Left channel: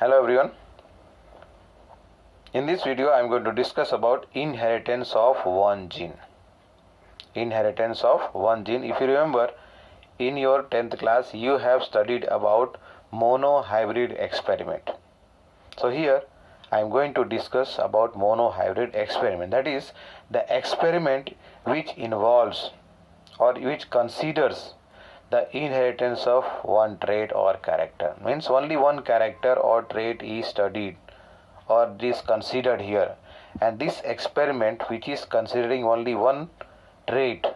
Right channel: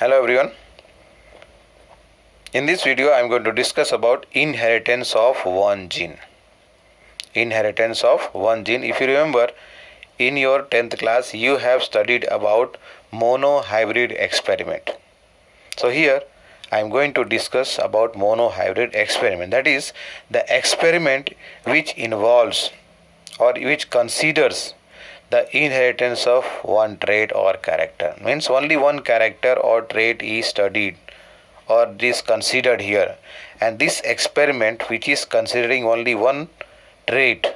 Hello everyone. In this video I am going to discuss about inheritance of one gene. Inheritance of one gene. If you remember, in your 10th class you have studied about monohybrid experiment. So here I am going to discuss about monohybrid experiment. That is the experiment which involves or which considers the inheritance of one trait or character. Means only one character or trait is studied or is considered here, and this experiment which is considering only one trait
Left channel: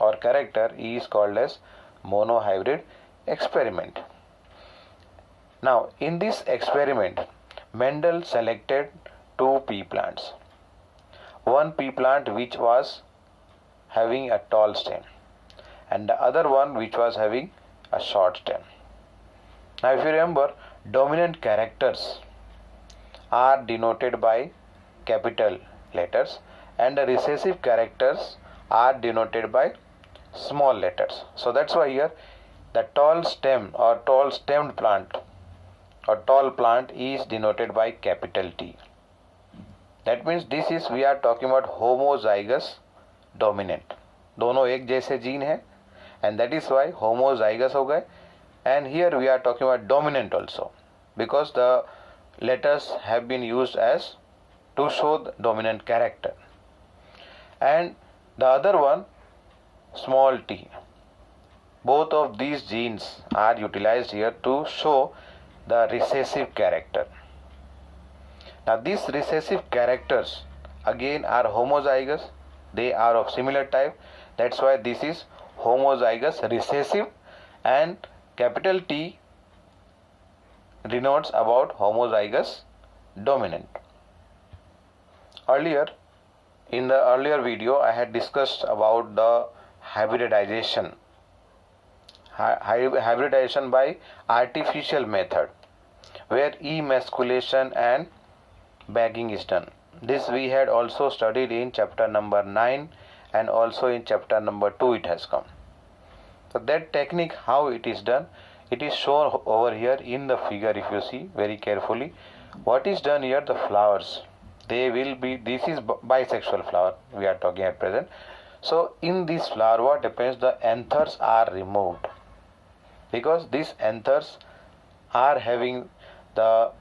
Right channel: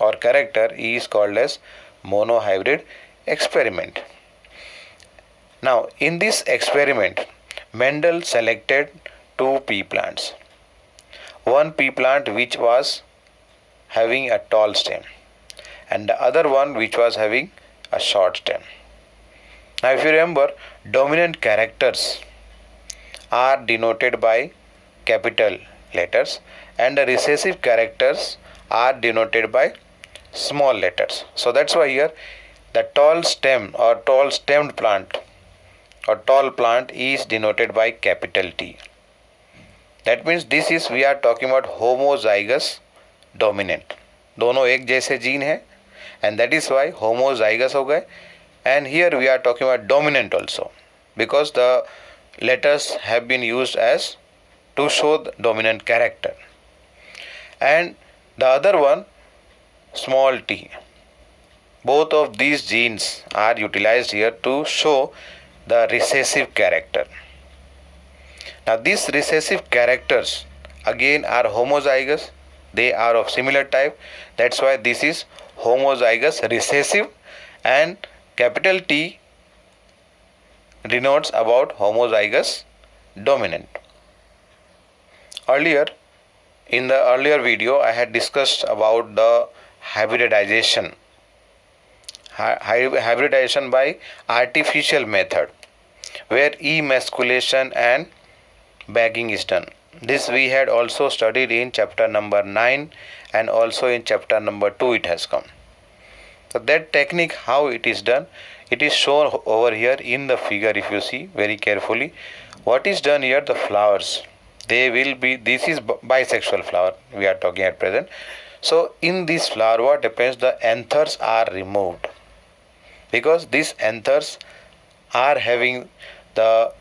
or character is called as monohybrid experiment. Now in this experiment Mendel selected two pea plants. One pea plant which was having a tall stem and the other one which was having a short stem. Now if you remember, dominant characters are denoted by capital letters and the recessive characters are denoted by small letters. So that's why here the tall stem or tall stemmed plant or tall plant is denoted by capital T. That means this is we are talking about homozygous dominant. दोनों एक जैसे gene है and that is why homozygous हो गए. And here we are talking about dominant also because the letters have been used as to show the dominant character. And the other one small t. Both of these genes are utilized here to show the recessive character. Now these recessive characters again are homozygous. They are of similar type. That's why this is homozygous recessive, and capital T denotes about homozygous dominant. Earlier, in the earlier video, I had discussed about the hybridization. Hybridization by artificial method, where emasculation and bagging is done. This we had also studied in chapter number 9 and also in chapter number 2 it has come. So that technique, how it is done, it is shown over here in the figure. If you see very carefully what is done here, the flowers, they will be, this is bisexual flower we are talking at present. So in this flower what happens, the anthers are removed because these anthers are having the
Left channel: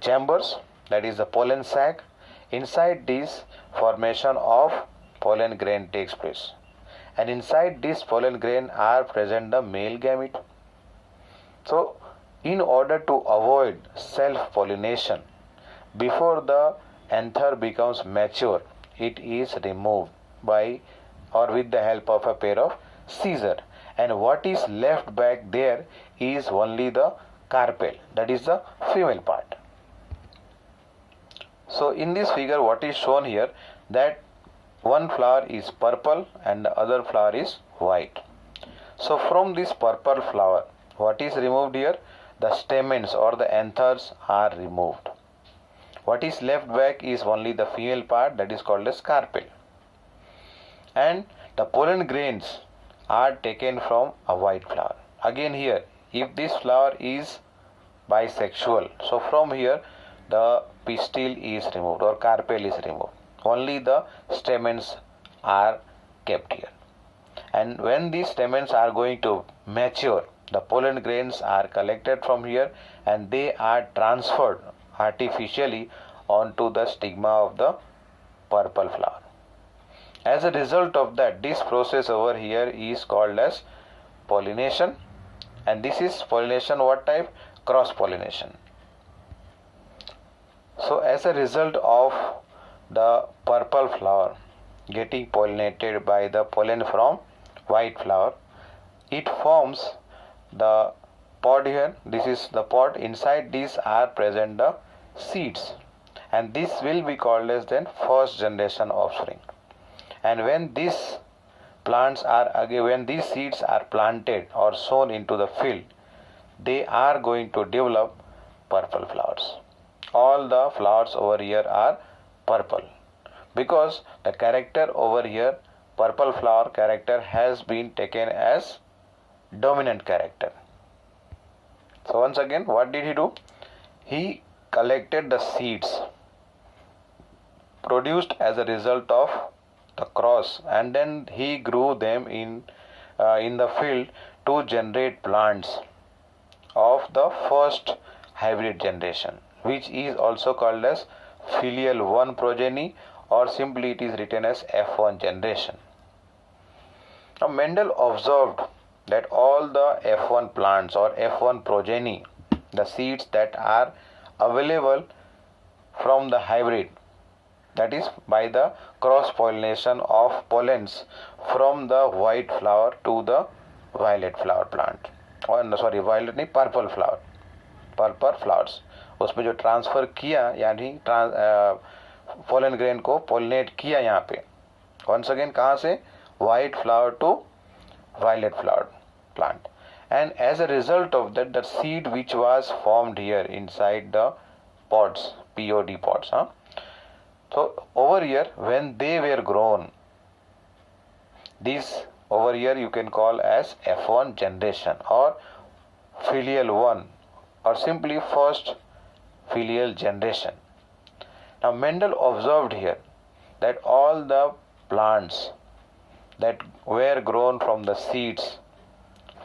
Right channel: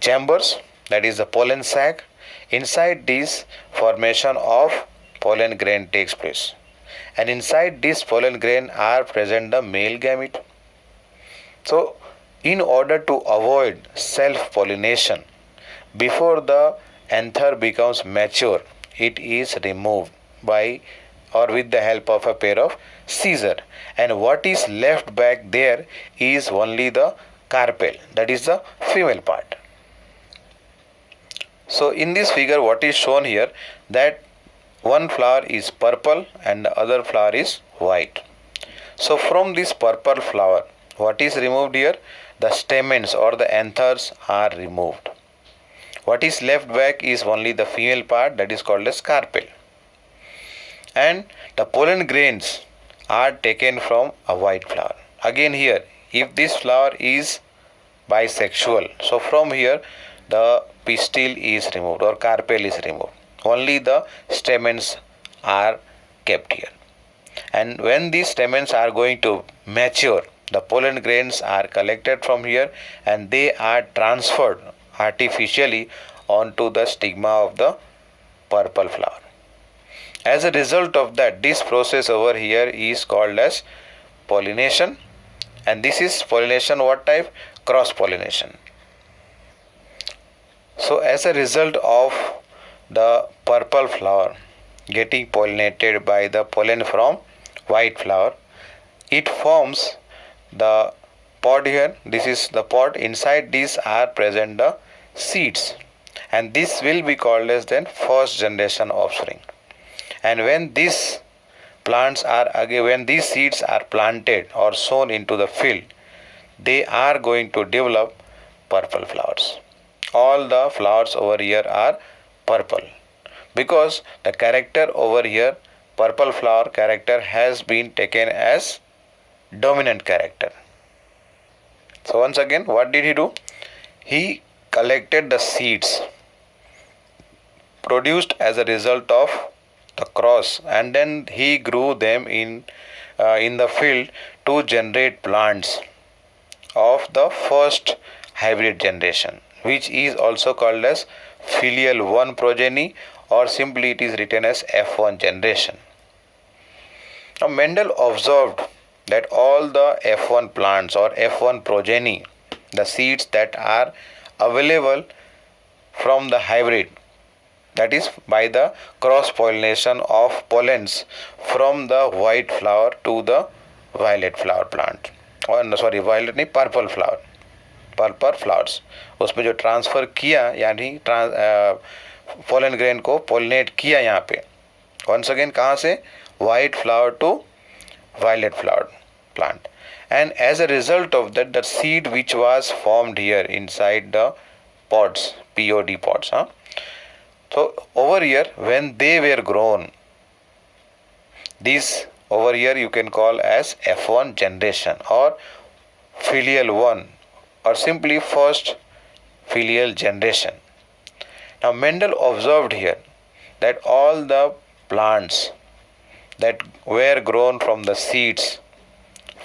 chambers, that is the pollen sac. Inside this formation of pollen grain takes place, and inside this pollen grain are present the male gamete. So in order to avoid self pollination before the anther becomes mature, it is removed by or with the help of a pair of scissors, and what is left back there is only the carpel, that is the female part. So in this figure what is shown here, that one flower is purple and the other flower is white. So from this purple flower what is removed here, the stamens or the anthers are removed. What is left back is only the female part, that is called as carpel. And the pollen grains are taken from a white flower. Again here, if this flower is bisexual, so from here the pistil is removed or carpel is removed. Only the stamens are kept here. And when these stamens are going to mature, the pollen grains are collected from here and they are transferred artificially onto the stigma of the purple flower. As a result of that, this process over here is called as pollination, and this is pollination what type? Cross pollination. So as a result of the purple flower getting pollinated by the pollen from white flower, it forms the pod here. This is the pod. Inside these are present the seeds, and this will be called as then first generation offspring. And when these plants are again, when these seeds are planted or sown into the field, they are going to develop purple flowers. All the flowers over here are purple because the character over here, purple flower character, has been taken as dominant character. So once again, what did he do? He collected the seeds produced as a result of the cross, and then he grew them in the field to generate plants of the first hybrid generation, which is also called as filial 1 progeny, or simply it is written as F1 generation. Now Mendel observed that all the F1 plants or F1 progeny, the seeds that are available from the hybrid, that is by the cross pollination of pollens from the white flower to the violet flower plant, और sorry violet नहीं, purple flower, purple flowers, उसमें जो transfer किया यानी pollen grain को pollinate किया यहाँ पे, वंस अगेन कहाँ से, white flower to violet flower plant, and as a result of that the seed which was formed here inside the pods, POD pods, so over here when they were grown, this over here you can call as F1 generation or filial 1 or simply first filial generation. Now Mendel observed here that all the plants that were grown from the seeds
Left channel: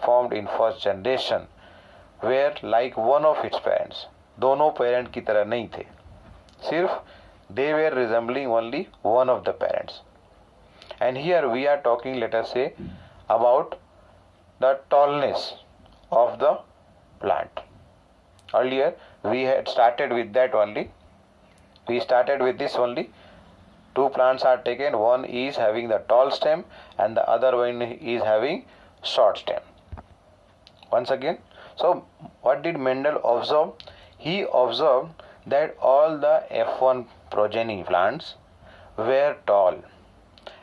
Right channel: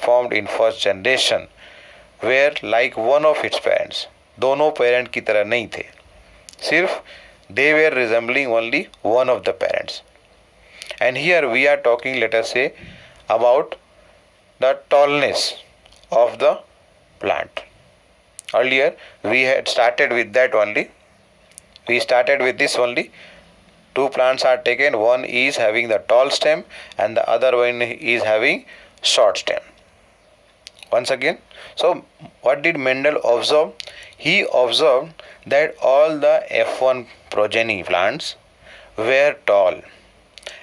formed in first generation were like one of its parents. दोनों parent की तरह नहीं थे, सिर्फ they were resembling only one of the parents. And here we are talking, let us say, about the tallness of the plant. Earlier we had started with that only. We started with this only. Two plants are taken, one is having the tall stem and the other one is having short stem. Once again, so what did Mendel observe? He observed that all the F1 progeny plants were tall,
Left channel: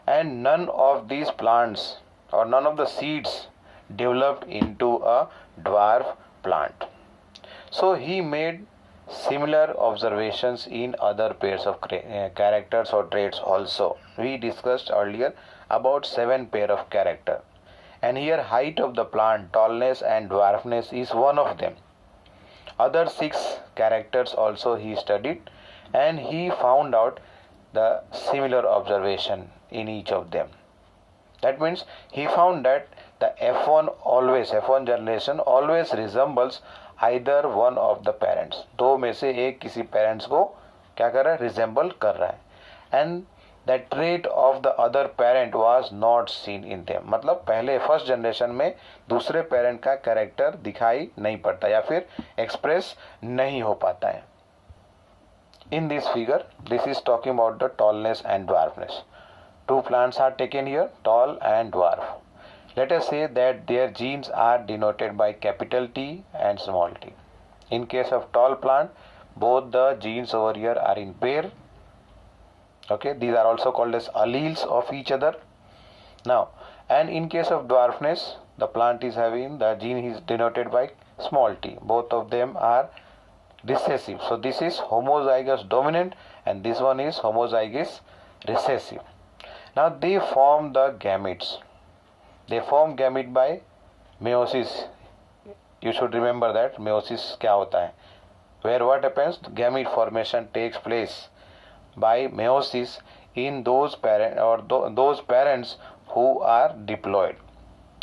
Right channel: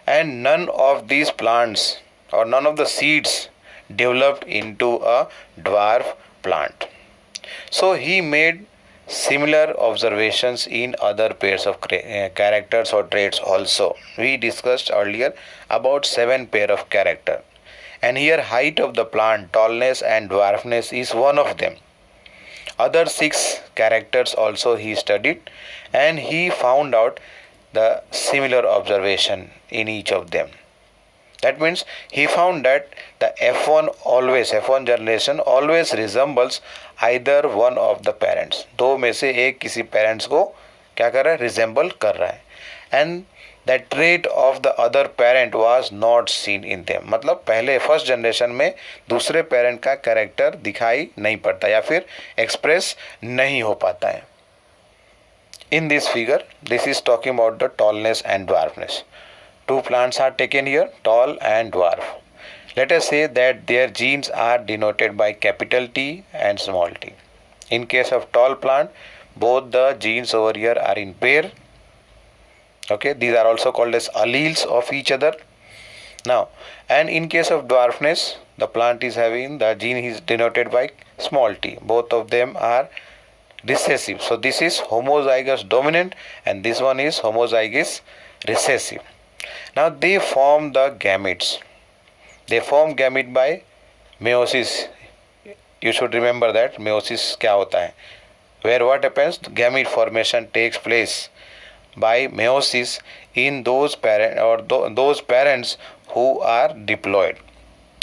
and none of these plants or none of the seeds developed into a dwarf plant. So he made similar observations in other pairs of characters or traits also. We discussed earlier about 7 pair of character, and here height of the plant, tallness and dwarfness is one of them. Other 6 characters also he studied, and he found out the similar observation in each of them. That means he found that the F1 generation always resembles either one of the parents. दो में से एक किसी parents को क्या कर रहा है, resemble कर रहा है, and that trait of the other parent was not seen in them. मतलब पहले फर्स्ट जनरेशन में दूसरे पेरेंट का कैरेक्टर दिखाई नहीं पड़ता या फिर एक्सप्रेस नहीं हो पाता है. In this figure, this is talking about the tallness and dwarfness. Two plants are taken here, tall and dwarf. Let us say that their genes are denoted by capital T and small t. In case of tall plant, both the genes over here are in pair. Okay, these are also called as alleles of each other. Now, and in case of dwarfness, the plant is having the gene is denoted by small t. Both of them are recessive. So this is homozygous dominant and this one is homozygous recessive. Now they form the gametes. They form gamete by meiosis. You should remember that meiosis क्या होता है. Where what happens? Gamete formation takes place by meiosis in those those parents who are diploid.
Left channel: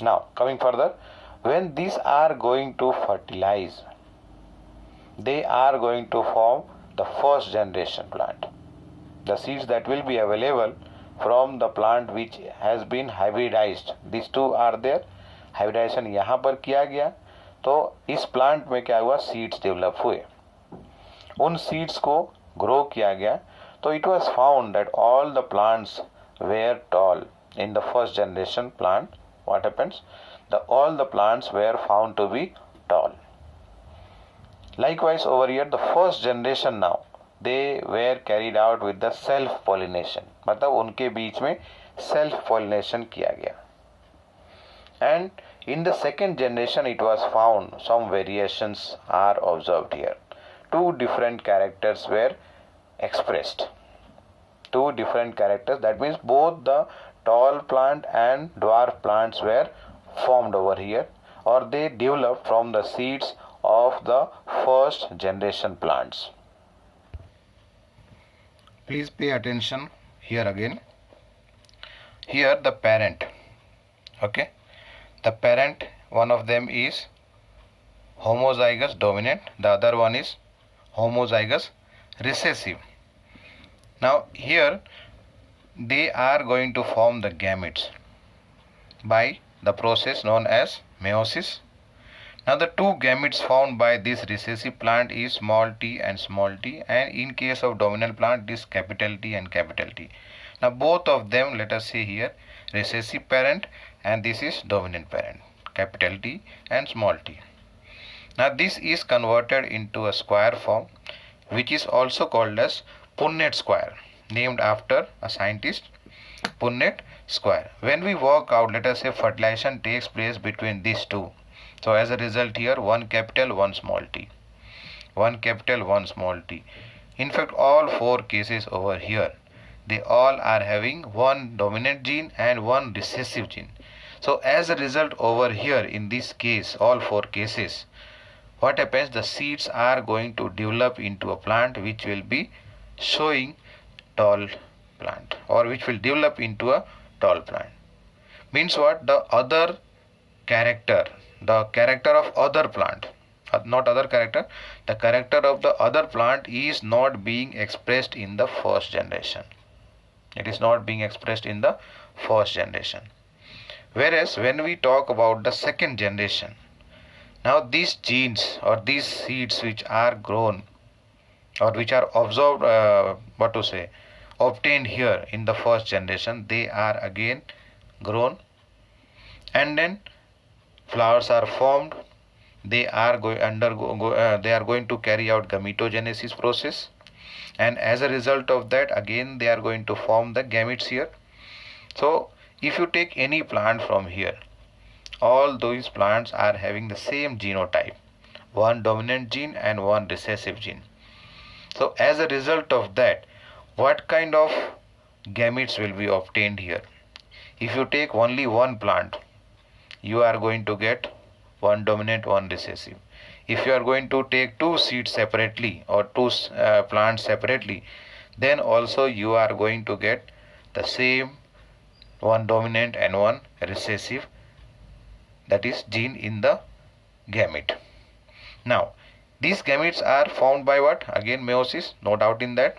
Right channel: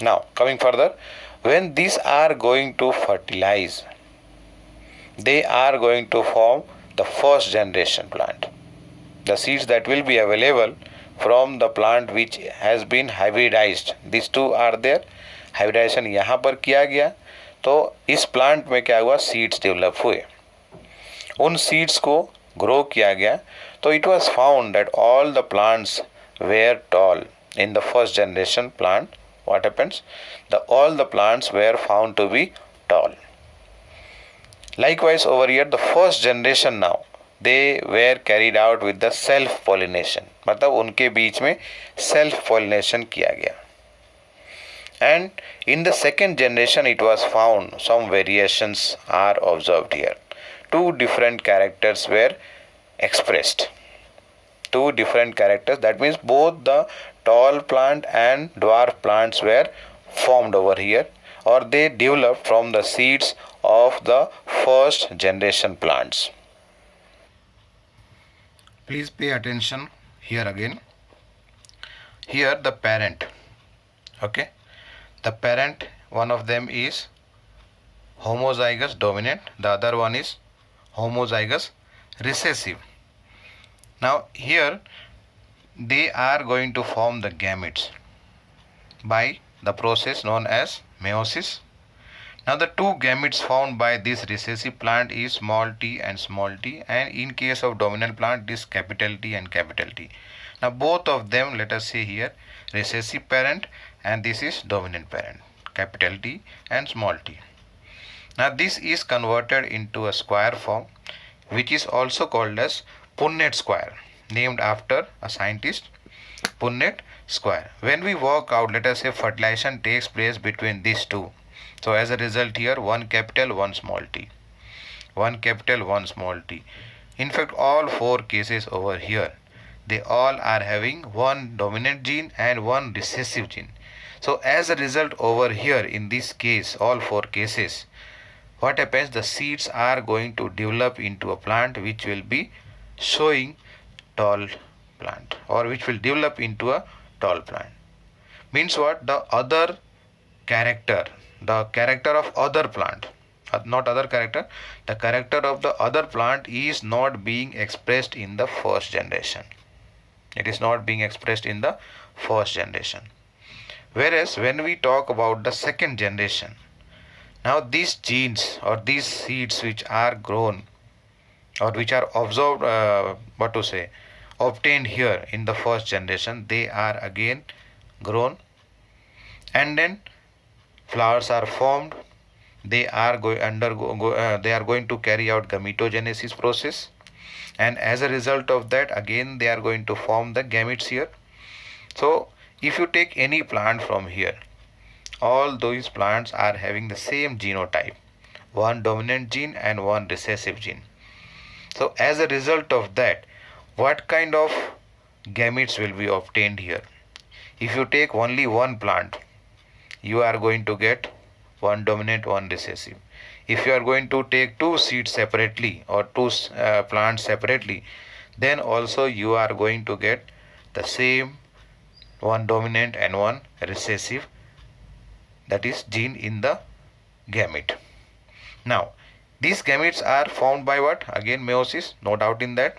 Now coming further, when these are going to fertilize, they are going to form the first generation plant. The seeds that will be available from the plant which has been hybridized, these two are there. Hybridization यहाँ पर किया गया तो इस plant में क्या हुआ, seeds develop हुए, उन सीड्स को ग्रो किया गया. तो it was found that all the plants were tall in the first generation plant. What happens? All the plants were found to be tall. Likewise over here, the first generation now, they were carried out with the self pollination. मतलब उनके बीच में self pollination किया गया. And in the second generation it was found some variations are observed here. Two different characters were expressed. Two different characters, that means both the tall plant and dwarf plants were formed over here, or they developed from the seeds of the first generation plants. Please pay attention here again. Here the parent, okay, the parent, one of them is homozygous dominant, the other one is homozygous recessive. Now here they are going to form the gametes by the process known as meiosis. Now the two gametes found by this recessive plant is small t, and in case of dominant plant is capital T and capital T. Now both of them, let us say here recessive parent and this is dominant parent, capital T and small t. Now this is converted into a square form which is also called as Punnett square, named after a scientist, Punnett square. When we work out, let us say fertilization takes place between these two. So as a result here, one capital, one small t. One capital, one small t. In fact, all four cases over here, they all are having one dominant gene and one recessive gene. So as a result over here, in this case, all four cases, what happens? The seeds are going to develop into a plant which will be showing tall plant, or which will develop into a tall plant. Means what? The other character, the character of other plant, not other character, the character of the other plant is not being expressed in the first generation. It is not being expressed in the first generation. Whereas when we talk about the second generation, now these genes or these seeds which are grown or which are observed, obtained here in the first generation, they are again grown and then flowers are formed. They are going to carry out gametogenesis process, and as a result of that, again they are going to form the gametes here. So if you take any plant from here, all those plants are having the same genotype, one dominant gene and one recessive gene. So as a result of that, what kind of gametes will be obtained here? If you take only one plant, you are going to get one dominant, one recessive. If you are going to take two seeds separately or two plants separately, then also you are going to get the same one dominant and one recessive, that is gene in the gamete. Now these gametes are formed by what? Again meiosis, no doubt in that.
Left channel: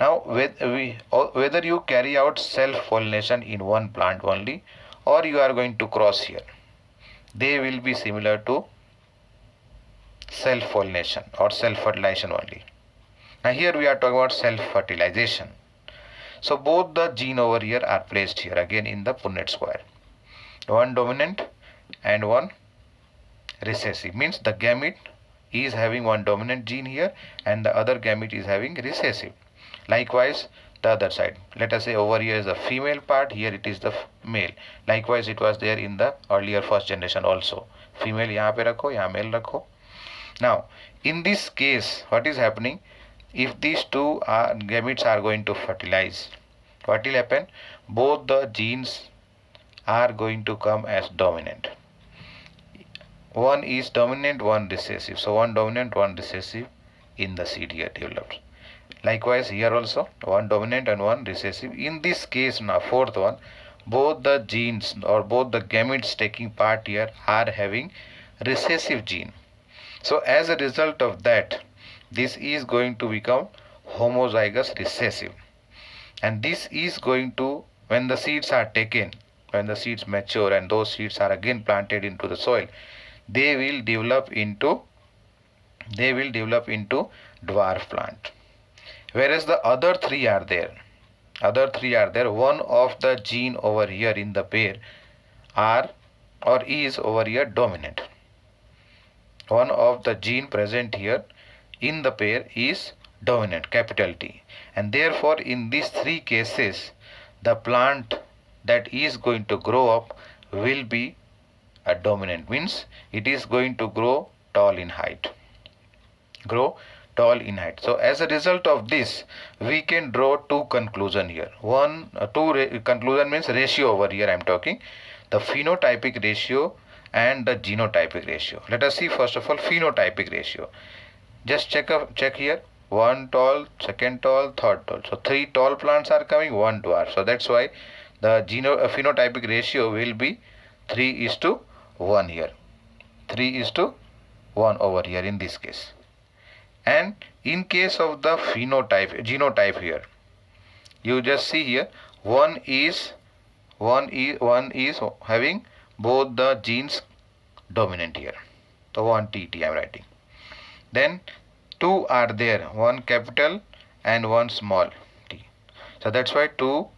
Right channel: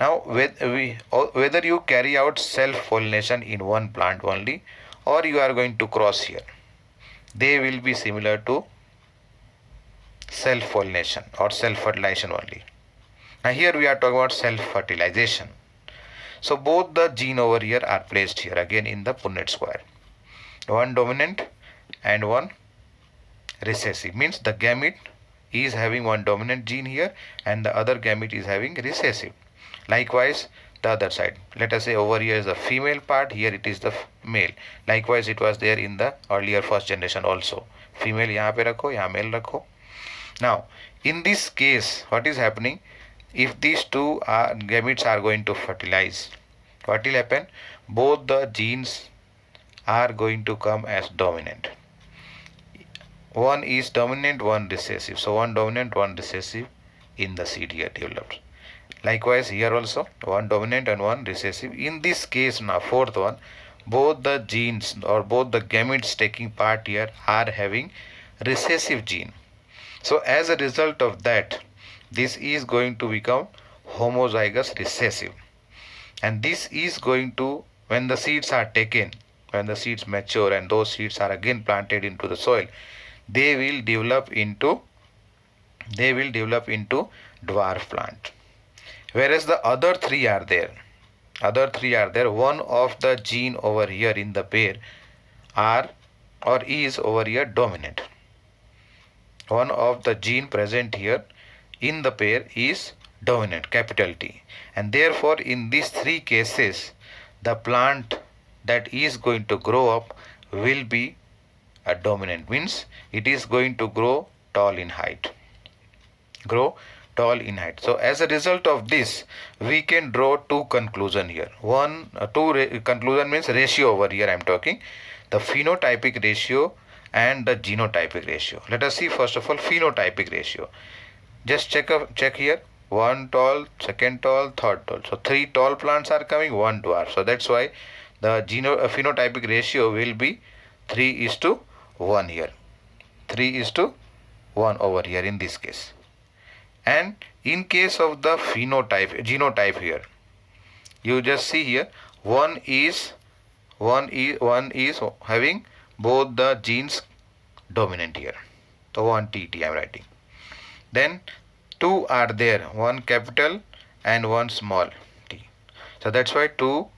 Now whether you carry out self-pollination in one plant only or you are going to cross here, they will be similar to self-pollination or self-fertilization only. Now here we are talking about self-fertilization. So both the gene over here are placed here again in the Punnett square. One dominant and one recessive, means the gamete is having one dominant gene here and the other gamete is having recessive. Likewise the other side, let us say over here is the female part, here it is the male. Likewise it was there in the earlier first generation also. Female यहाँ पे रखो, यहाँ male रखो. Now in this case what is happening? If these two gametes are going to fertilize, what will happen? Both the genes are going to come as dominant. One is dominant, one recessive. So one dominant, one recessive in the seed here develops. Likewise here also one dominant and one recessive. In this case now, fourth one, both the genes or both the gametes taking part here are having recessive gene. So as a result of that, this is going to become homozygous recessive, and this is going to, when the seeds are taken, when the seeds mature and those seeds are again planted into the soil, they will develop into dwarf plant. Whereas the other three are there. One of the gene over here in the pair is over here dominant. One of the gene present here in the pair is dominant, capital T, and therefore in these three cases the plant that is going to grow up will be a dominant, means it is going to grow tall in height. So as a result of this, we can draw two conclusions here. Conclusion means ratio over here I am talking. The phenotypic ratio and the genotypic ratio. Let us see first of all phenotypic ratio. Just check here. One tall, second tall, third tall. So 3 tall plants are coming, 1 dwarf. So that's why the phenotypic ratio will be 3:1 here. 3:1 over here in this case. And in case of the genotype here, you just see here one is having both the genes dominant here. So 1 TT I am writing. Then 2 are there, one capital and one small t. So that's why 2.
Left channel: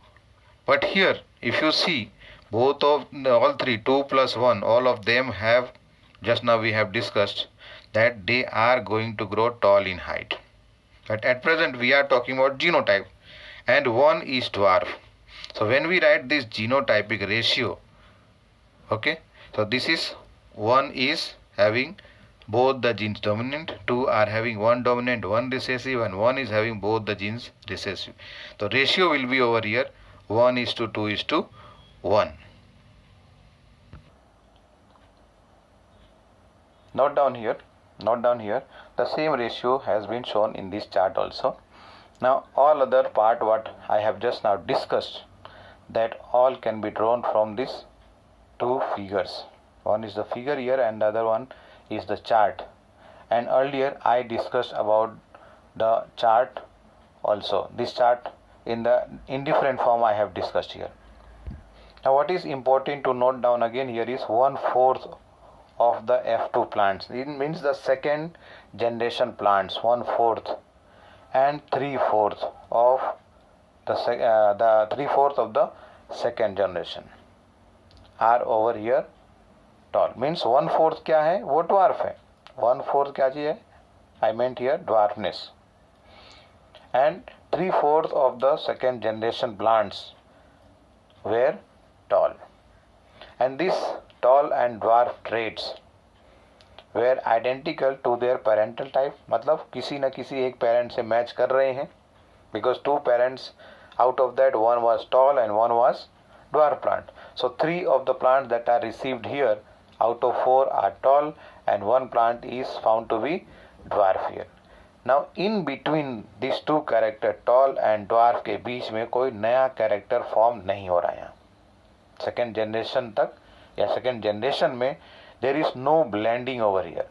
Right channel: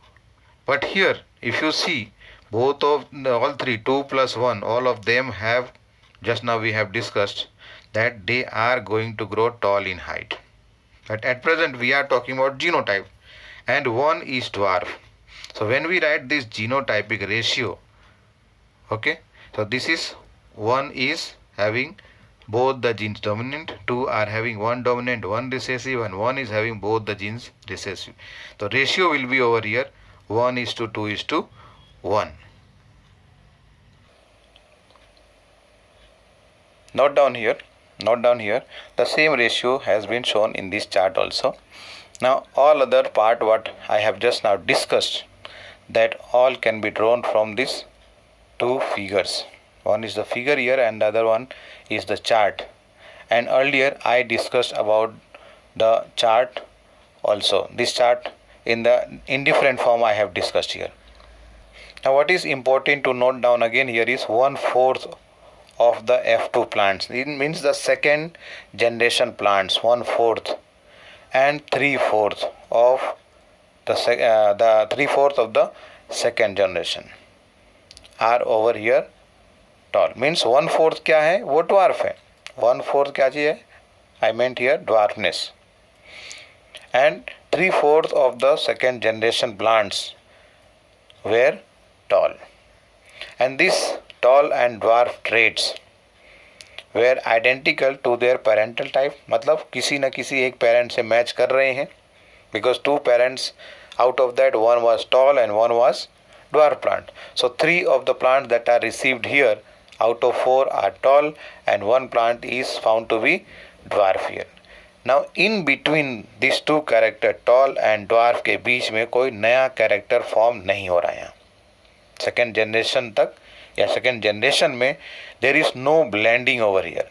But here if you see both of all 3, 2 plus 1, all of them have, just now we have discussed that they are going to grow tall in height. But at present we are talking about genotype, and 1 is dwarf. So when we write this genotypic ratio, okay, so this is 1 is having both the genes dominant, 2 are having one dominant, one recessive, and 1 is having both the genes recessive. The ratio will be over here 1:2:1. Note down here, the same ratio has been shown in this chart also. Now all other part what I have just now discussed, that all can be drawn from these two figures. One is the figure here and the other one is the chart. And earlier I discussed about the chart also. This chart in different form I have discussed here. Now what is important to note down again here is 1/4 of the F2 plants. It means the second generation plants, 1/4, and 3/4 of the 3/4 of the second generation are over here tall. Means 1/4 क्या है, वो dwarf है. 1/4 क्या चीज़ है, I meant here dwarfness. And 3/4 of the second generation plants were tall. And these tall and dwarf traits were identical to their parental type. मतलब किसी न किसी एक parent से match कर रहे हैं, because 2 parents out of that, one was tall and one was dwarf plant. So 3 of the plants that are received here out of 4 are tall and 1 plant is found to be dwarf here. Now in between these 2 character tall and dwarf के बीच में कोई नया character form नहीं हो रहा है यहाँ. Second generation तक या second generation में there is no blending over here.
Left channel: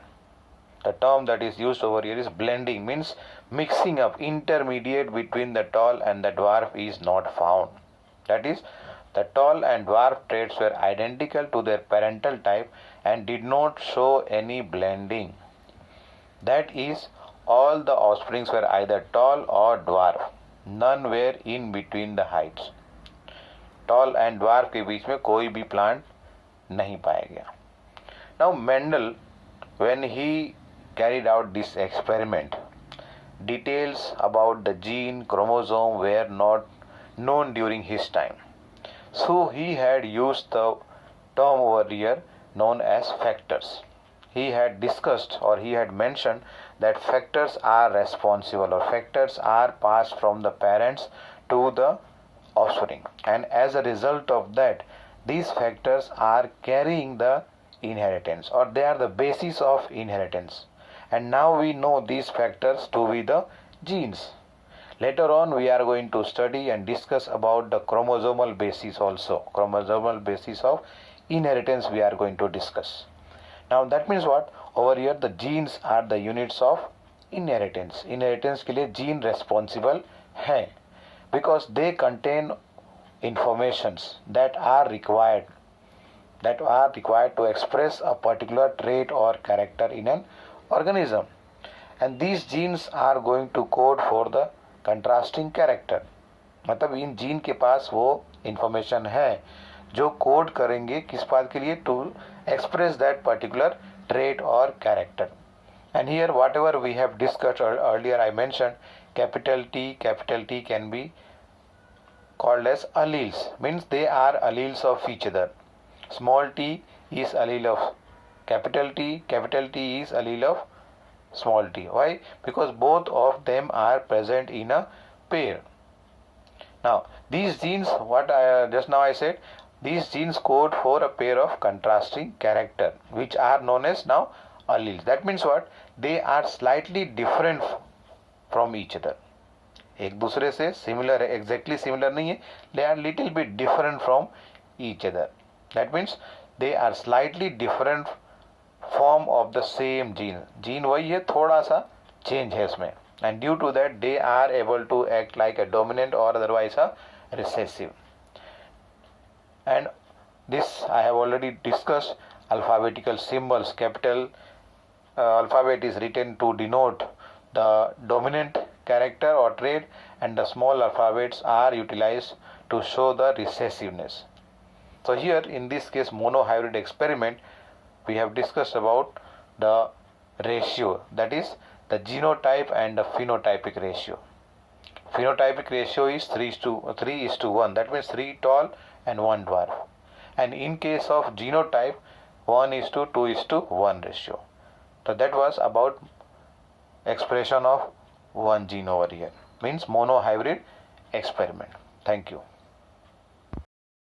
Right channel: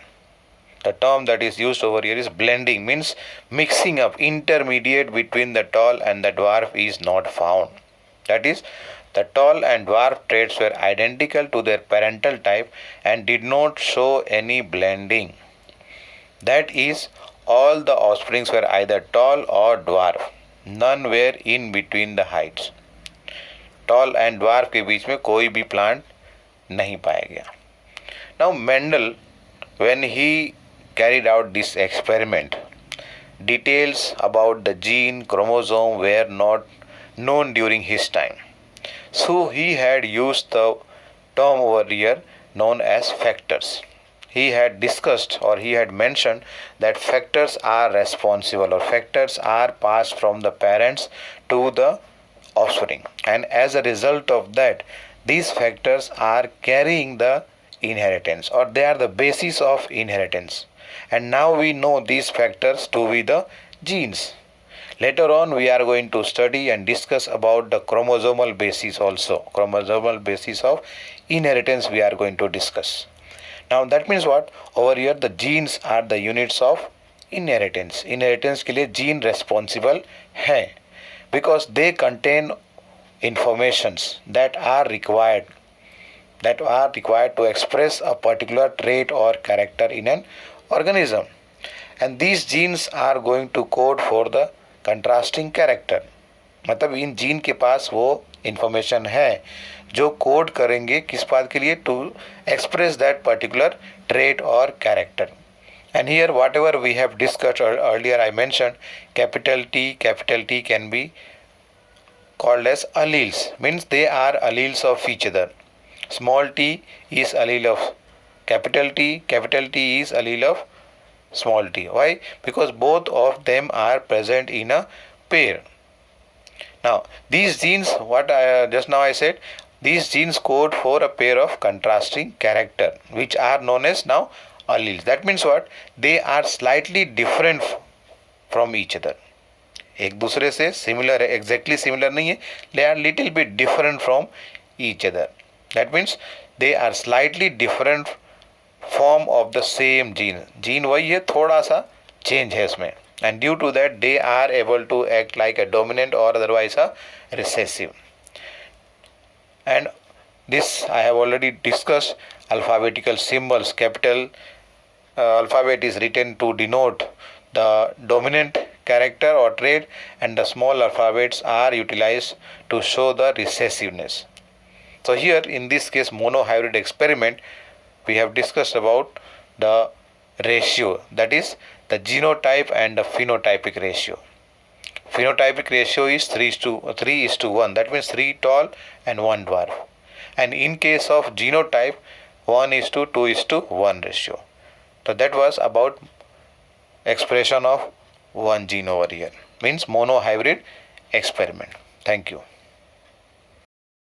The term that is used over here is blending, means mixing up, intermediate between the tall and the dwarf is not found. That is, the tall and dwarf traits were identical to their parental type and did not show any blending. That is, all the offsprings were either tall or dwarf. None were in between the heights. Tall and dwarf के बीच में कोई भी plant नहीं पाया गया. Now Mendel, when he carried out this experiment, details about the gene chromosome were not known during his time. So he had used the term over here known as factors. He had discussed, or he had mentioned, that factors are responsible, or factors are passed from the parents to the offspring, and as a result of that, these factors are carrying the inheritance, or they are the basis of inheritance. And now we know these factors to be the genes. Later on we are going to study and discuss about the chromosomal basis also. Chromosomal basis of inheritance we are going to discuss. Now that means what? Over here the genes are the units of inheritance. Inheritance के लिए gene responsible है, because they contain informations that are required to express a particular trait or character in an organism. And these genes are going to code for the contrasting character. मतलब इन gene के पास वो information है जो code करेंगे किस बात के लिए, to express that particular trait और character. And here whatever we have discussed earlier, I mentioned capital T can be called as alleles, means they are alleles of each other. Small t is allele of capital T is allele of small t. Why? Because both of them are present in a pair. Now these genes, what just now I said, These genes code for a pair of contrasting character which are known as now alleles. That means what? They are slightly different from each other. एक दूसरे से similar है, exactly similar नहीं है, they are little bit different from each other. That means they are slightly different form of the same gene. Gene वही है, थोड़ा सा चेंज है इसमें, and due to that they are able to act like a dominant और otherwise a recessive. And this I have already discussed. Alphabetical symbols, capital alphabet is written to denote the dominant character or trait, and the small alphabets are utilized to show the recessiveness. So here in this case monohybrid experiment, we have discussed about the ratio, that is the genotype and the phenotypic ratio. Phenotypic ratio is 3:1. That means 3 tall and 1 dwarf. And in case of genotype, 1:2:1 ratio. So that was about expression of one gene over here. Means monohybrid experiment. Thank you.